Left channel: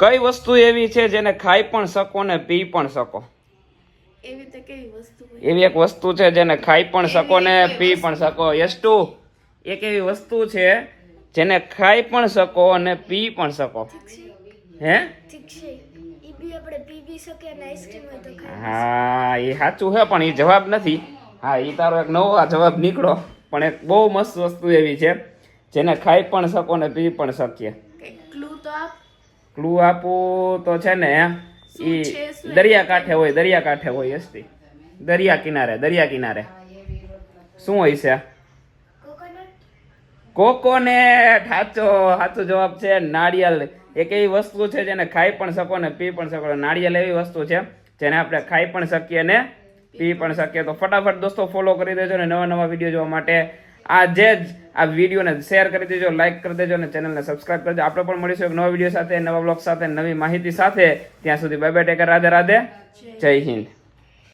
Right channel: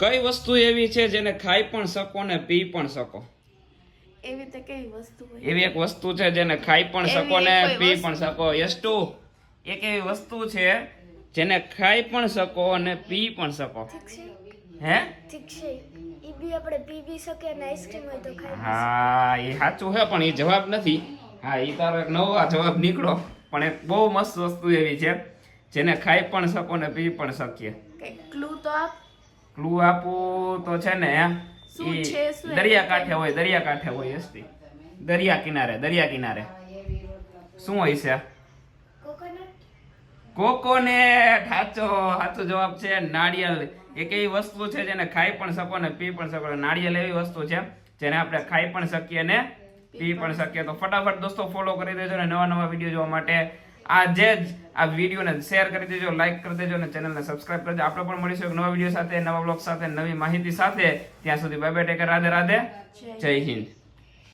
કઈ વસ્તુ એવી છે જેને ખાઈ પણ શકો ને પી પણ શકો? એવી એક વસ્તુ છે જેને ખાઈ પણ શકો ને પી પણ શકો. યસ્ટુ એક એવી વસ્તુ છે જેને ખાઈ પણ શકો અને પી પણ શકો. હે? હા એ સાચું છે પણ એ જવાબ નથી. હા એ તારો એક નવો જવાબ નીકળો. પણ એક બહુ મસ્ત વસ્તુ એવી છે જેને ખાઈ પણ શકો ને પી પણ શકીએ. ક્લુ તો આપ? ક્લુ આપું તો છે ને શું દરિયા કાંઠે હોય દરિયા કાંઠે હોય હસ્તી દરિયા કિનારે દરિયા કિનારે. શું હોય છે? કોકોનેટ સાચો સાચો જવાબ છે નાળિયેર. એક એવી વસ્તુ છે જેને ખાઈ પણ શકો ને પી પણ શકો. નાળિયેર એવી વસ્તુ છે જેને આપણે ખાઈ પણ શકીએ ને પી પણ શકીએ. તો ફટાફટ દોસ્તો ફોલો કરી દેજો ને નવા નવા વીડિયો જોવા માટે. આજે જ આ વિડીયોને શેર કરી દેજો લાઈક કરી દેજો અને ચેનલને સબસ્ક્રાઇબ કરી દેજો. આપણે પણ મળીશું એક નવા વીડિયો સાથે, નવા બ્લોગ સાથે, નવી માહિતી સાથે. ત્યાં સુધી bye bye take care Radhe Radhe જય હિન્દ.